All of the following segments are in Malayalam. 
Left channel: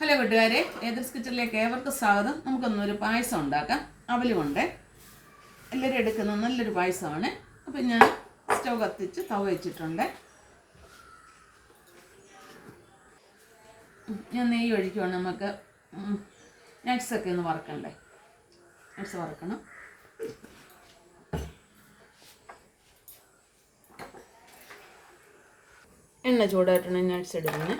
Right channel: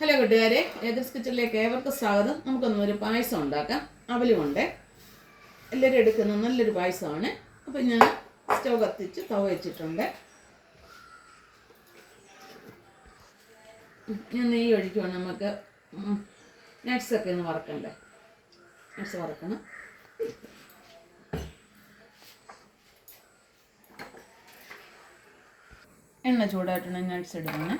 ഹലോ കൂട്ടുകാരെ, ഏതർസ് കിച്ചണിലേക്ക് ഏവർക്കും സ്വാഗതം. നമുക്കൊന്നൊരു പായസം ഉണ്ടാക്കാം. അവലുമുണ്ട്, എല്ലാവരും എടുക്കുന്ന നല്ലൊരു പായസമാണ്. അപ്പം ഞാൻ സ്റ്റൗ കത്തിച്ച് തവ വെച്ചിട്ടുണ്ട്. ഞാൻ നെയ്യ് ഒഴിക്കുവാണ്. നമുക്ക് നട്ട്സൊക്കെ ഒന്ന് വറക്കണ്ടേ, നട്ട്സ് വറക്കണം. എണ്ണ ചൂടായിട്ടുണ്ടെങ്കിൽ നട്ട്സ് എടുക്കണം.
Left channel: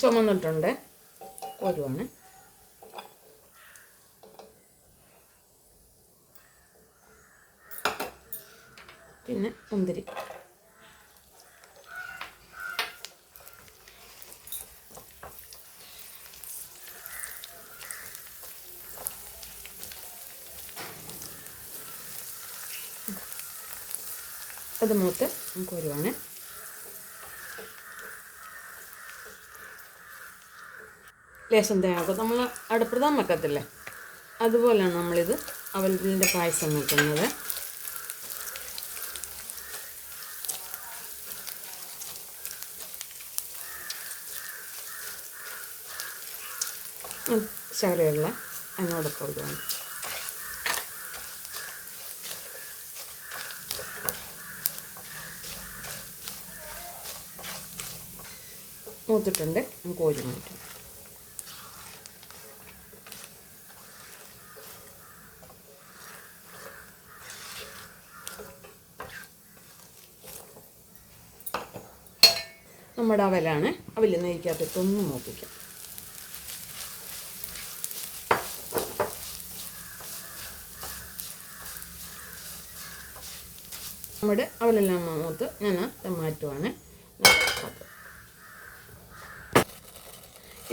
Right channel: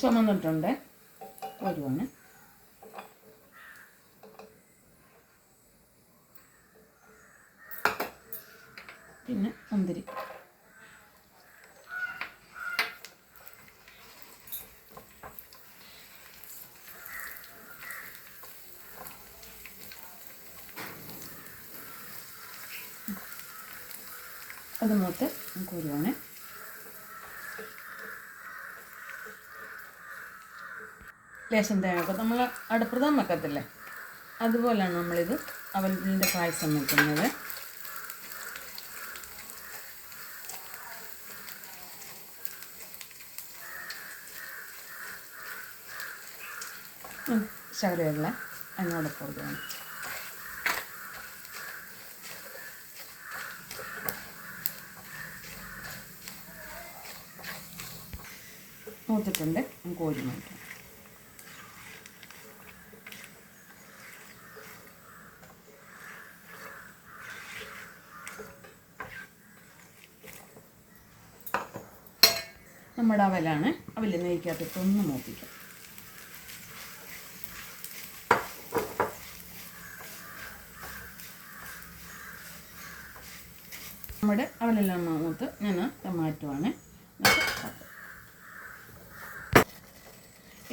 ചുമന്നിട്ടുണ്ട്, ഒരുവാണ്. പിന്നെ മുന്തിരി, അത് മൂത്ത് നമുക്ക് ഒരുവാണ്. ലേശം തേങ്ങ നമ്മൾ അടുപ്രഥം വെക്കത്തില്ലേ, അതുപോലെയാണ് നമ്മളിത് അവലിൻ്റെ പായസം വെക്കുന്നത്. ശകലമുള്ള അതിനോടൊപ്പം ഇടുകയാണ്. മൂത്തിട്ടുണ്ട്, നമുക്ക് കോരി മാറ്റാം. നമ്മുടെ അവലാണ്. അവൽ നെയ്ക്കകത്തിട്ടൊന്ന് മൂപ്പിക്കാം. നമ്മുടെ അവലെല്ലാം മൂത്ത് ഞാൻ മാറ്റുവാണ്.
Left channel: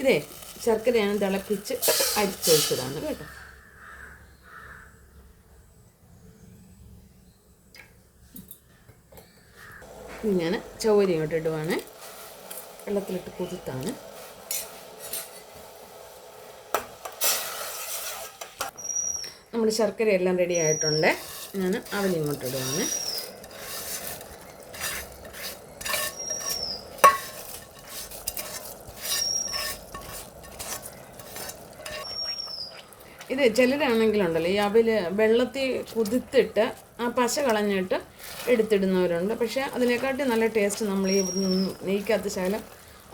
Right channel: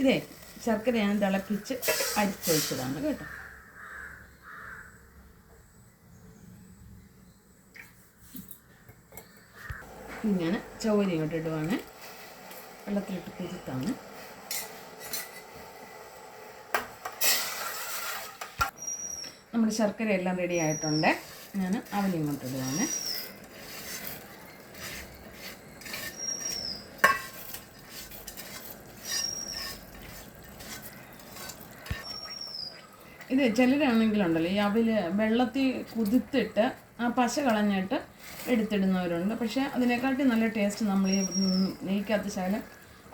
ഇതേ ശർക്കരയാണ് തിളപ്പിച്ച് അരിച്ചൊഴിച്ചതാണ് കേട്ടോ. ഞാൻ ചൗവരി ഇങ്ങോട്ട് ഇടുവാണ്. വെള്ളത്തിലിട്ട് കുതിർത്താണ്. നമ്മുടെ ശർക്കര എല്ലാം റെഡി ആയിട്ടുണ്ട്. ഞാൻ അവലിങ്ങോട്ട് ഇടുവാണ്. ഇത് ചിലരാണെങ്കിലുണ്ടല്ലോ ഈ അവൽ വെള്ളത്തിൽ കുതിർത്തിട്ട് ആ പശ കളഞ്ഞിട്ട് എടുത്തിടുന്നവരുണ്ട്. പക്ഷേ അതിനെക്കാട്ടി നല്ല ടേസ്റ്റ് നമ്മൾ ഈ നെയ്ക്കകത്ത് ശകലം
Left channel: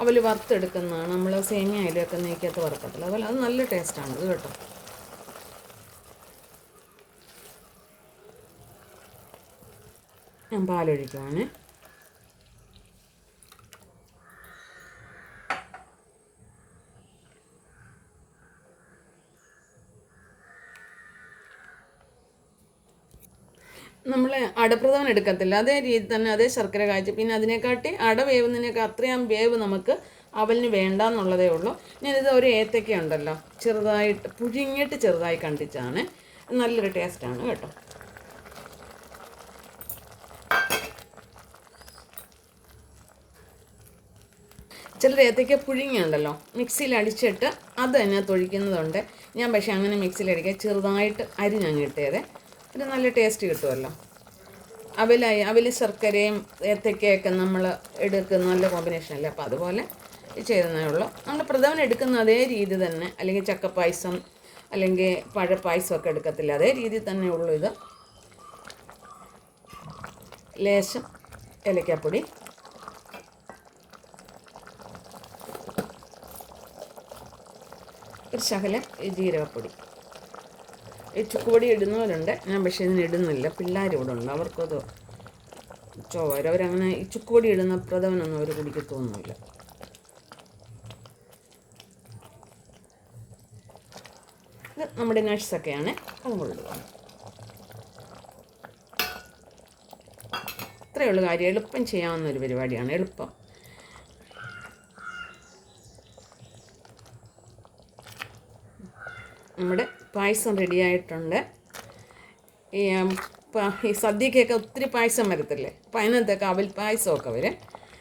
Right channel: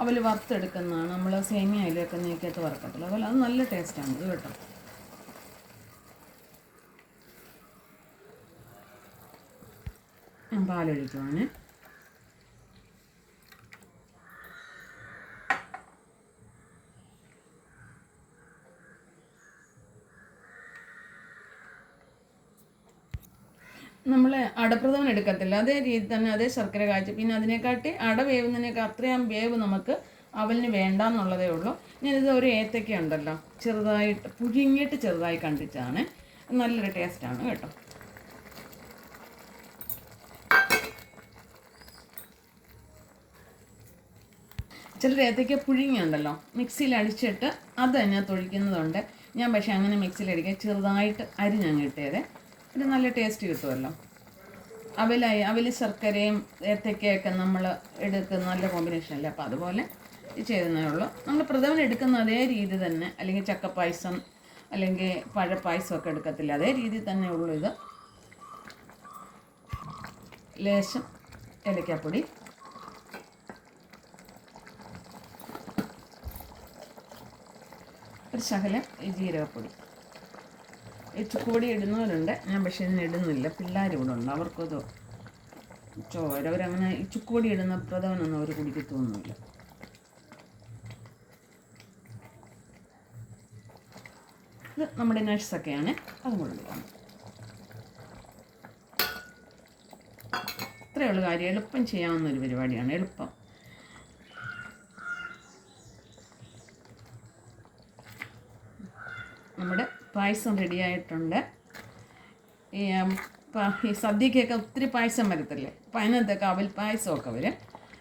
അവൽ വറുത്തെടുക്കുന്നതാണ്. നമ്മൾ സേമിയയിലൊക്കെ നെയ്ക്കകത്ത് വറുക്കത്തില്ല, അതുപോലെ അത് നല്ല ടേസ്റ്റാണ് ഇത് കേട്ടോ. ഞാൻ പാലൊഴിക്കുവാണ്. നമ്മൾ അടപ്രഥമൻ എടുക്കത്തില്ല, അതേ രീതി തന്നെ അതേ ശർക്കര കാച്ചി, പിന്നെ അതിനെക്കാട്ടി അട വേവുന്നതിനൊക്കെ അത്രയും വേവ് നമുക്ക് അവലിന് വേണ്ടെന്നുള്ളതേ ഉള്ളൂ. ഞാനിത് ഒരു ഏത്തക്ക ഉണ്ടല്ലോ ചെറുതായിട്ട് പുഴുങ്ങിയിട്ട് ചെറുതായി കണ്ടിച്ചാണ്. നല്ലൊരു ടേസ്റ്റാണ് കേട്ടോ. ചിലർ ഏത്തയ്ക്ക പുഴുങ്ങിയുണ്ടല്ലോ മിക്സിയിൽ അടിച്ചിട്ട് അത് അതിനകത്ത് ഒഴിക്കുന്നതുണ്ട്. ഞാൻ പക്ഷേ അങ്ങനെ മിക്സിയിൽ അടിക്കുക, ചെറുതായിട്ട് അരിഞ്ഞങ്ങ് ഇട്ടേത്. ഒരു നല്ല ടേസ്റ്റ് കിട്ടുമല്ലോ. അവൽ ശർക്കരയും ഏത്തയ്ക്കയൊക്കെ നമ്മൾ എടുക്കുന്ന നല്ല കോമ്പിനേഷൻ അല്ലേ. അപ്പോൾ അതുപോലെ ചെയ്തതേ ഉള്ളൂ. നമ്മൾ പ്രഥമൻ എടുക്കുന്ന അതേ രീതി തന്നെ, അല്ലെങ്കിൽ ചക്കപ്പായസം അല്ലെങ്കിൽ പഴപ്പായസമൊക്കെ എടുക്കത്തില്ല, അതേ രീതിയിൽ തന്നെ ഉള്ളൂ ഇത്. ലേശം ഏലക്കാപ്പൊടി, ഒരു ശകലം ജീരകപ്പൊടി. ഈ ചുക്കുപൊടി ഇടുന്നവരുണ്ട്, ഞാൻ പക്ഷേ ഇതിന് ഇടുന്നില്ല. പിള്ളേർ ഇവിടെ ഉണ്ട്, അവർക്കത് ചോര, അവരങ്ങനെ ഈ ചുക്കുപൊടി ഇടുന്ന പ്രഥമനൊന്നും അവർ കുടിക്കത്തൊന്നുമില്ല. ഇത് നമ്മുടെ നട്ട്സൊക്കെയാണ്, അത് കൊണ്ടുപോകണം. ഇത്രയേ ഉള്ളൂ കാര്യം. എളുപ്പം ചെയ്യാവുന്നൊരു പരിപാടിയാണ്, എളുപ്പം. നമ്മുടെ പായസം റെഡിയായിട്ടുണ്ട്. ഈ സദ്യക്കൊക്കെ ഒത്തിരി പായസം വരത്തില്ലേ, അപ്പോൾ അതിനകത്തൊക്കെ അവൽ പായസമൊക്കെ വരും.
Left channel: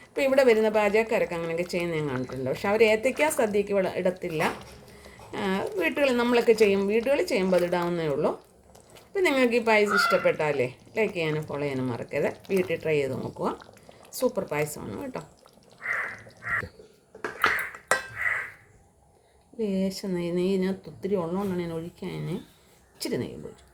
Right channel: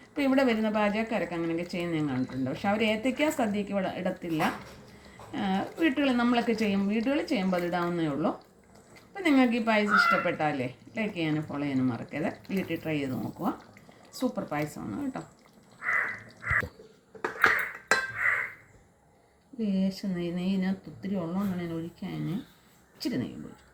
ഇപ്പോൾ ഇവിടെ വരുന്ന പാചകക്കാരൊക്കെ അങ്ങനെയൊക്കെ ചെയ്യുന്നത് ഞാൻ കണ്ടിട്ടുണ്ട്. പക്ഷെ അവർ ഏത്തയ്ക്ക സദ്യക്ക് ഇടത്തില്ല. വീട്ടുകളിൽ നമ്മളൊക്കെ വീടുകളിൽ ചെയ്യുമ്പോൾ അത് ഇടാവുന്നേ ഉള്ളൂ. അപ്പോൾ നിങ്ങൾക്ക് ഈ പായസം ഇഷ്ടപ്പെട്ടാലേ ലൈക്ക് ചെയ്യാനും ഫോളോ ചെയ്യാനും മറക്കരുത്. വീട്ടിൽ ട്രൈ ചെയ്ത് നോക്കുക. സൂപ്പർ പായസമാണ് കേട്ടോ. ലേശം നെയ്യ് ഇതിനകത്ത് ഒത്തിരി ഉള്ളതുകൊണ്ടാണ് ഞാൻ ഒഴിക്കാൻ ഇച്ചിരി നെയ്യ് ഒഴിച്ചു.